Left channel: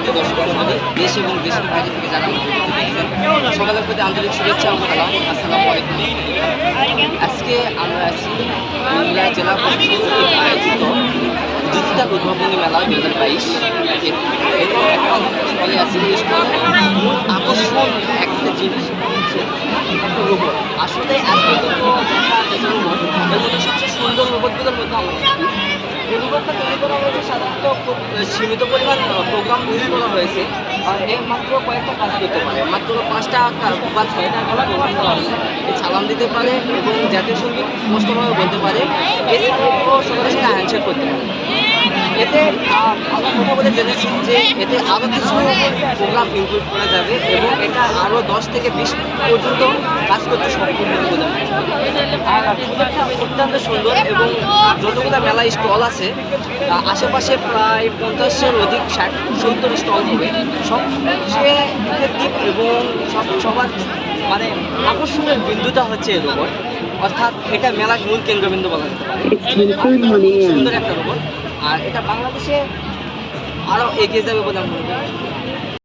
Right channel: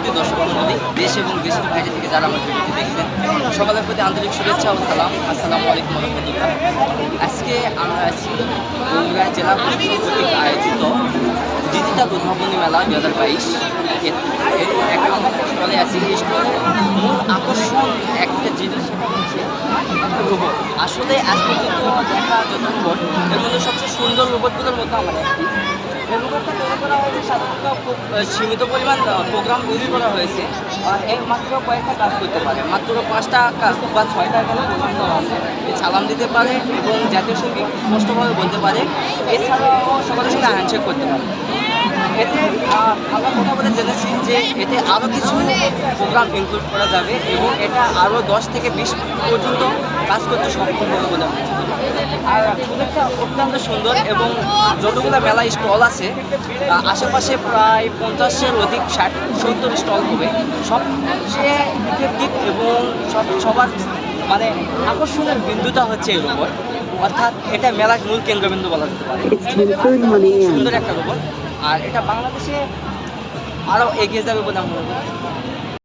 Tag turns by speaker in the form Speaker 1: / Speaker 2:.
Speaker 1: প্রতি দর্শক মন্ডলী দেশ এবং দেশের বাইরে থেকে যারা আমাদের ভিডিওটি দেখছেন সকালের প্রতি আন্তরিক শুভেচ্ছা ও সালাম আসসালামু আলাইকুম রহমতুল্লাহ আজকে আমরা আছি বগুড়া জেলা প্রশাসন কর্তৃক আয়োজিত দ্বিতীয় উদ্ভাবনী মেলা দু হাজার বাইশ স্টলে আছি এই স্টলের মূল আকর্ষণ একটা জিনিস হচ্ছে একটা রোবট আসলে আজ পর্যন্ত দেখা যত মধ্যে সবচেয়ে সুন্দর রোবটগুলোর মধ্যে আমার একটি এই রোবটটা তৈরি করা হয়েছে সাধারণত খুব সীমিত পরিমাণ প্রোগ্রাম ইউজ করা হয়েছে। এর মাত্র কয়েকটা কাজ করতে পারে। মাত্র পাঁচটা বা ছয়টা এখানে প্রোগ্রাম করা হয়েছে। সালাম দিতে পারে এবং জাতীয় সংগীত স্পষ্টভাবে বলতে পারে। এছাড়াও সকলের সাথে হ্যান্ডশেক করতে পারে। এতে আমরা কথা বলে জেনেছি যে এতে আরও কিছু প্রোগ্রাম ইনক্লুড করা যাবে এবং এটা আরও দশ থেকে বিশ পর্যন্ত কাজ করতে হবে। বলে আর সুযোগটা অত্যন্ত সুন্দর এবং যতগুলো মেলা স্টল আছে আশেপাশে প্রায় পঞ্চাশের অধিক ষাট সত্তর স্টল হবে। সবচেয়ে ইফেক্টিভ এবং সব সবার মানে আকর্ষণের বিন্দুটা হচ্ছে এই রোবট। অর্থাৎ এটা মেলার মূল কেন্দ্রবিন্দু বলা যেতে পারে।
Speaker 2: In.
Speaker 1: সুন্দর একটা রোবট। আর এটা বাংলাদেশে আরও এগিয়ে যাবে বলে আমি মনে করি।